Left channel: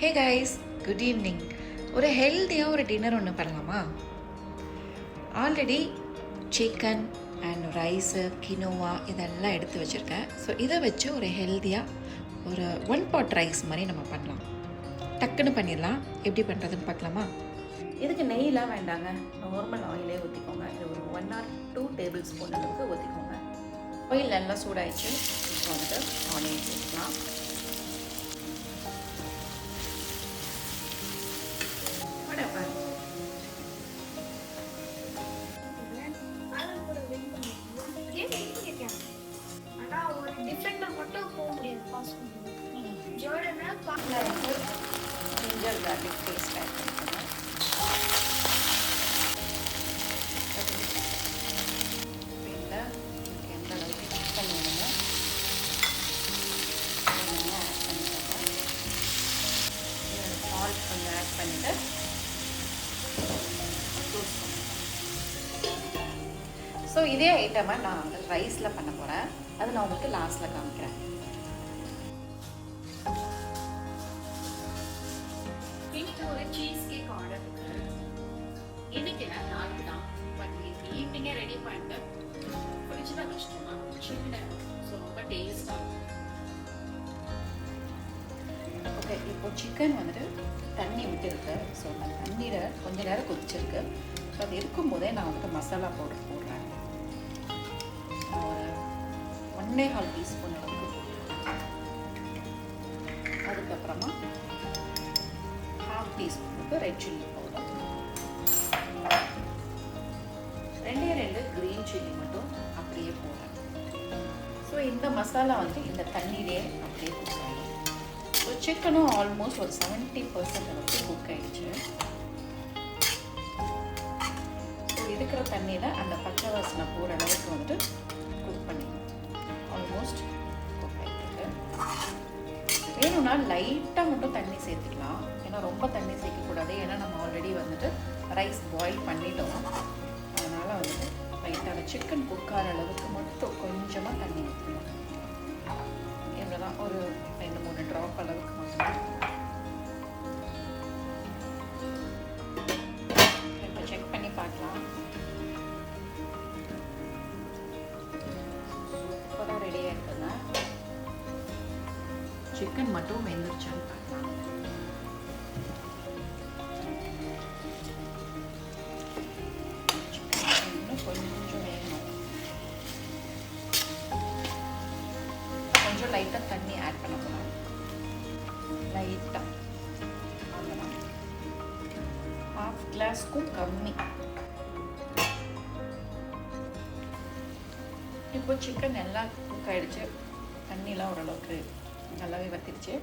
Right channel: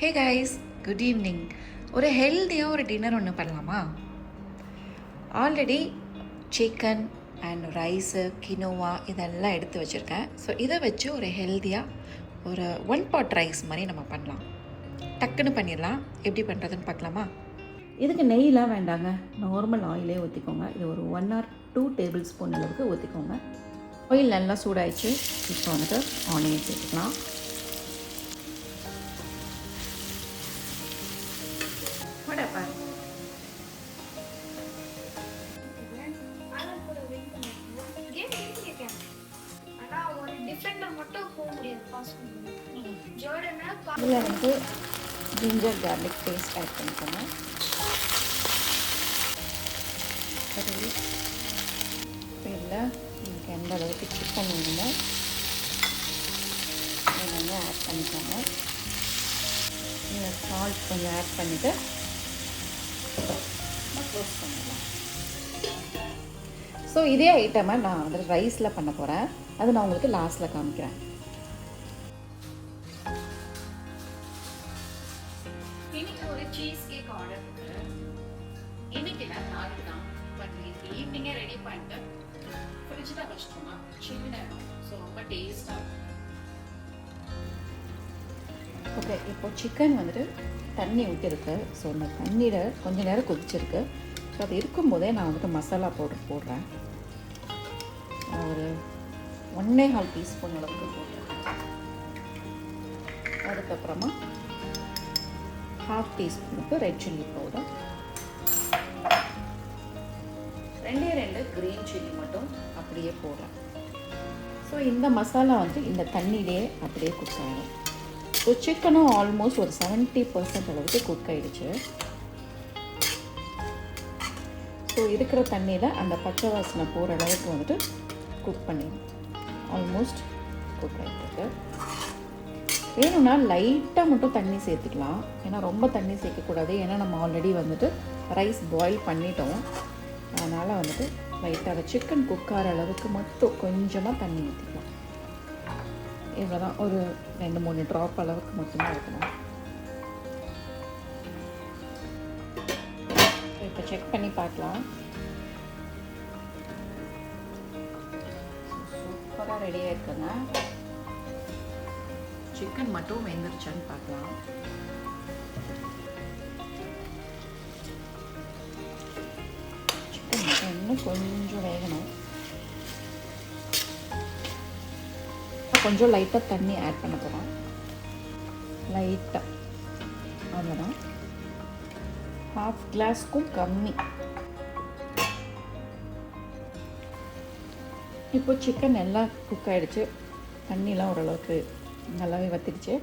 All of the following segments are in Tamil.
Hey guys, good evening. ஒரு ஹெல்த்தியாக ஒரு டின்னர் ஒன்று பண்ணலாமா? Already chicken and rice, quinoa இதெல்லாம் எடுத்து வச்சுருக்கேன். ஸோ இதை வச்சு ஒரு ஹெல்த்தியாக ஒரு ஒன் பாட் ரைஸ் மாதிரி நம்ம பண்ணலாம். டக்குன்னு பண்ணிடலாம். எப்படி பண்ணுறதுன்னு பார்க்கலாமா? இதுக்கு நெய்லாம் வேண்டாங்க, நார்மல் ஆயிலே ஊற்றிக்கோங்க. இது ஒரு 1 or 2 டேபிள் ஸ்பூன் அளவுக்கு ஊற்றிக்கோங்க. ஆயில் நல்லா சூடாயிடுச்சு. இப்போ வந்து ஆனியன் சேர்க்கலாம். இதில் வந்து ஜிஞ்சர் கார்லிக் பேஸ்ட் ஆட் பண்ணிக்கோங்க. இதில் எனக்கு எந்த அளவுக்கு சிக்கன் வேணுமோ இதெல்லாம் ஆட் பண்ணிக்கோங்க. சால்ட் கொஞ்சம் ஆட் பண்ணிவிட்டு ஸோ இதே ஐட்டமாக நான் வந்து ரைஸில் பண்ண போகிறேன். அது நான் உங்களுக்கு லாஸ்ட்டில் காமிக்கிறேன். இன்னைக்கு ஒரு சீஸ் கேக் ஆர்டர் இருக்கு. இன்னைக்கு நாளைக்கு தான், பட் ஈவினிங்கே ரெடி பண்ணிட்டு ஃப்ரிட்ஜில் வச்சிட்டோம்னா சில்லுன்னு ஆகிடும். ஸோ ரொம்ப டேஸ்டாக இருக்கும். ஓகே, இப்போ சிக்கன் வந்துட்டு தண்ணி விட்டுருக்கு. ஸோ அந்த தண்ணியில் கொஞ்ச நேரம் கொதிச்சிருக்கு. ஸோ அது இருக்கும்போதே நான் வந்துட்டு மசாலா பவுடர் போடுறேன். ஒரு 1.5 டீஸ்பூன் அளவுக்கு போட்டுருக்கேன். அதுக்கப்புறமா 1/2 டீஸ்பூனுக்கு red chilli powder, 2 green chilli மட்டும் அப்படியே போடுறேன். ஸோ இந்த மசாலா வந்து இந்த தண்ணியிலே அப்படியே குக் ஆகிடும். ஸோ சிக்கனும் ஆல்மோஸ்ட் ஒரு 70% அளவுக்கு குக் ஆகிடுச்சு. ஸோ இருக்கிற தண்ணியில் அந்த பச்சை வாசனை போகிற அளவுக்கு வந்துட்டு குக் பண்ணிடணும். ஆல்மோஸ்ட் குக் ஆகிட்டு வேணும்னா லைட்டாக மட்டும் தண்ணி சேர்த்துக்கலாம். ஏன்னா ரொம்ப தண்ணி சேர்க்கக்கூடாது. ஏன்னா நம்ம ஆல்ரெடி வந்துட்டு ரைஸ் பாயில் பண்ணிட்டோம். அதனால் வந்துட்டு லைட்டாக சிக்கன் குக் ஆகிற அளவுக்கு மட்டும் கொஞ்சமாக தண்ணி ஊற்றிக்கலாம். இவ்வளோ தான், ஒரு 2-3 ட்ராப் அளவுக்கு மட்டும் ஊற்றணும். இப்போ செக் பண்ணி பார்க்கலாம். சூப்பராக ரெடி ஆகிருக்குங்க. சிக்கன் மட்டும் வெந்துருச்சான்னு பார்க்கலாம். சிக்கன் இன்னும் கொஞ்சம் வேகணும். கொஞ்சம் லைட்டாக தண்ணி ஆட் பண்ண போகிறோம். லைட்டாக அவ்வளோதான், 1/2 கிளாஸ்க்கும் கம்மி. இப்போ சிக்கன் நல்லா குக் ஆகிடுச்சு. தண்ணிலாம் ஓரளவுக்கு நல்லாவே வத்திடுச்சு.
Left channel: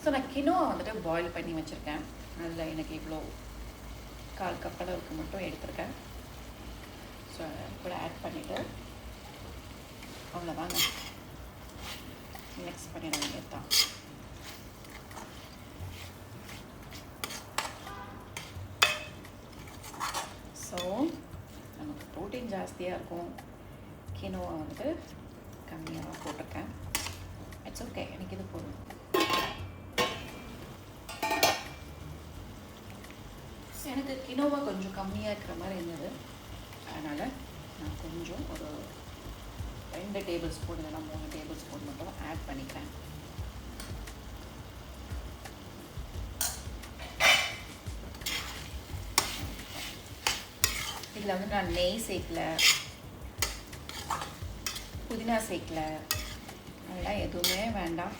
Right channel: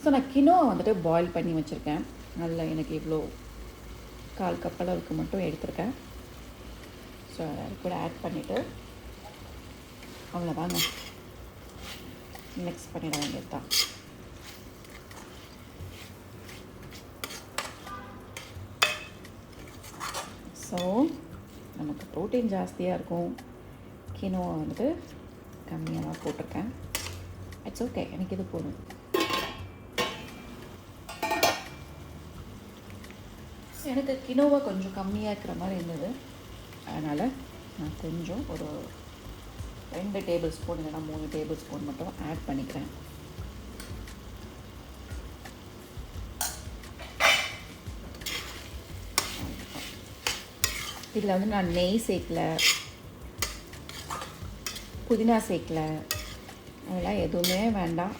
ஸோ நான் கினோவா வந்துட்டு பாயில் பண்ணி வச்சுருக்கேன். நல்லா எனக்கு இவ்வளோ 1/4 கப் அளவுக்கு மட்டும் எடுத்துருக்கேன். ஸோ கூட ஆட் பண்ணிவிட்டு அவ்வளோதாங்க, மிக்ஸ் பண்ணிட வேண்டியது தான். ஸோ நமக்கு ப்ரோட்டீன் ஜாஸ்தியாக இருக்கும். கினோவா வந்துட்டு கம்மியாக போட்டிருக்கேன். இட்ஸ் ஓகே, எனக்கு இது போதும். எனக்கு கினோவா கொஞ்சம் கம்மியாக இருக்கிற மாதிரி இருந்தது. அதனால் நான் கொஞ்சம் ஒரு 2 டேபிள் ஸ்பூன் இல்லைனா 3 டேபிள் ஸ்பூன் மட்டும் ஆட் பண்ணிக்கிறேன். இதில் வந்து நான் நெய் சேர்க்கல, புதினா சேர்க்கல, அதெல்லாம் எதுவுமே வேண்டாம்.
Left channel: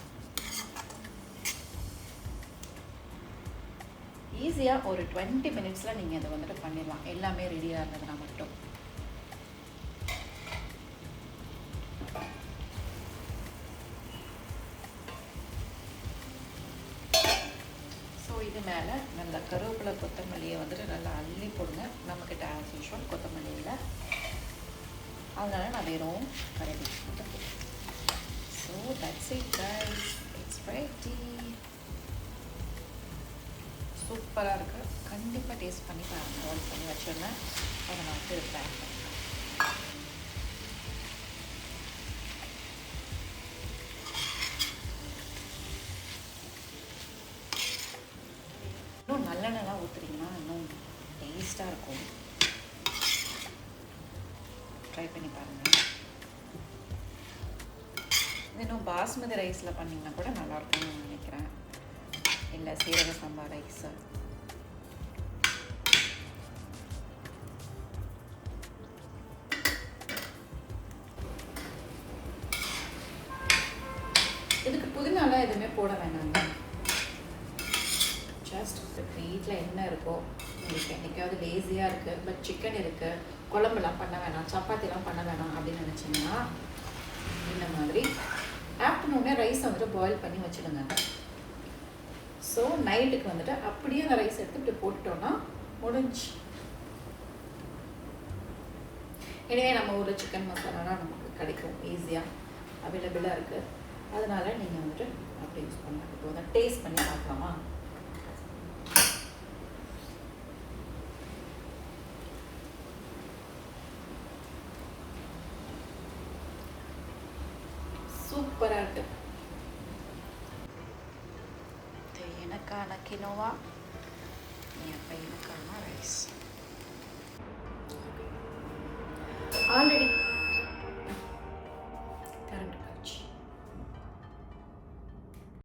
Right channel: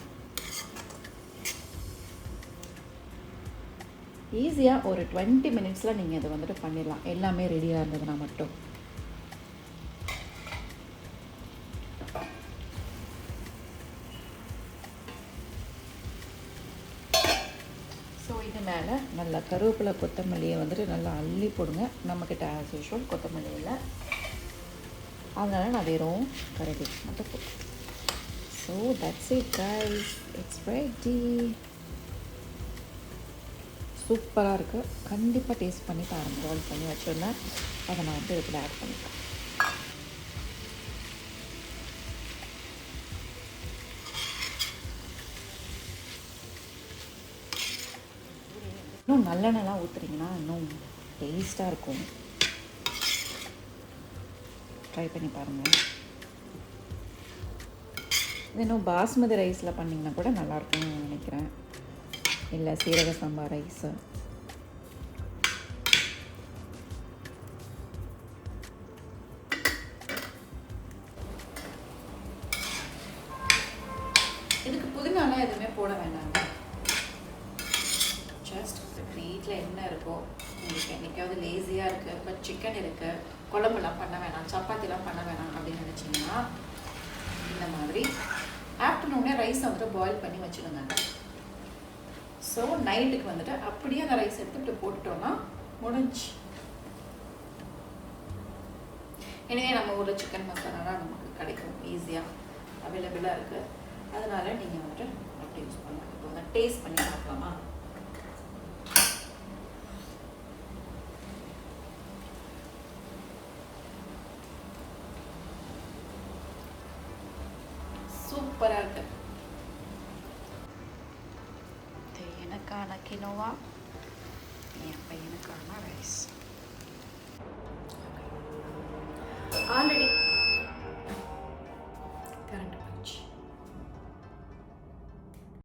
ஈஸியாக ஒரு 20 மினிட்ஸில் நீங்கள் இதை வந்துட்டு பண்ணிடலாம். எல்லாமே ரெடியாக இருந்ததுன்னா மட்டும். ஸோ இது மேலே நல்லா கருவேப்பிலை கொத்தமல்லியை வந்துட்டு நல்லா அள்ளி போடுங்க. நம்மக்கிட்ட ஆஸ் யூஷுவல் கொத்தமல்லி இல்லை, அதனால் நான் வெறும் கருவேப்பிலை மட்டும் போடுறேன். So that's it guys, it's ready. சூப்பராக இருக்குது. கண்டிப்பாக டேஸ்ட் பண்ணி பாருங்கள். பாயில் பண்ணி வச்சுருந்தேன், அதை நான் வந்து இதில் ஆட் பண்ணிக்கிறேன். நல்லெண்ணெய்லாம் ஊற்றுறீங்கன்னா இன்னும் டேஸ்ட்டாக இருக்கும். ட்ரை பண்ணி பாருங்கள். இது இன்னும் பாஸ்மதி ரைஸில் பண்ணிங்கன்னா கூட நல்லாயிருக்கும்னு நான் நினைக்கிறேன். இல்லை சீரக சம்பா ரைஸு. இதுக்கு புதினாலாம் எதுவுமே போட வேண்டாங்க. ஜஸ்ட் வீட்டில் என்ன இருக்கோ, உங்களுக்கு என்றைக்காவது லேசியாக இருக்குது பட் சிக்கன் இருக்குது, குழம்புலாம் பண்ண வேணாம், சப்பாத்திலாம் பண்ண வேணாம் அப்படின்னு நினச்சிங்கன்னா இந்த மாதிரி ஆஃப்டர்நூனே ரைஸை வந்துட்டு பாயில் பண்ணி வச்சுடுங்க. ஸோ நைட்டுக்கு வந்துட்டு அப்படியே அந்த ரைஸ் எடுத்து இப்படி போட்டோன்னா முடிஞ்சு. எனவே நம்ம ஊரில் சிக்கன் மசாலாலாம் நமக்கு கிடைக்கும், ஈஸியாக அவைலபிளாக இருக்குது. அதனால் நீங்கள் வந்துட்டு அப்படி யூஸ் பண்ண மாட்டேங்க. டேஸ்ட் பண்ணி பார்க்கலாமா? சூப்பராக இருக்குது. இது எனக்கான கினோவா, என் பையனுக்கான ரைஸ். ஆல்ரெடி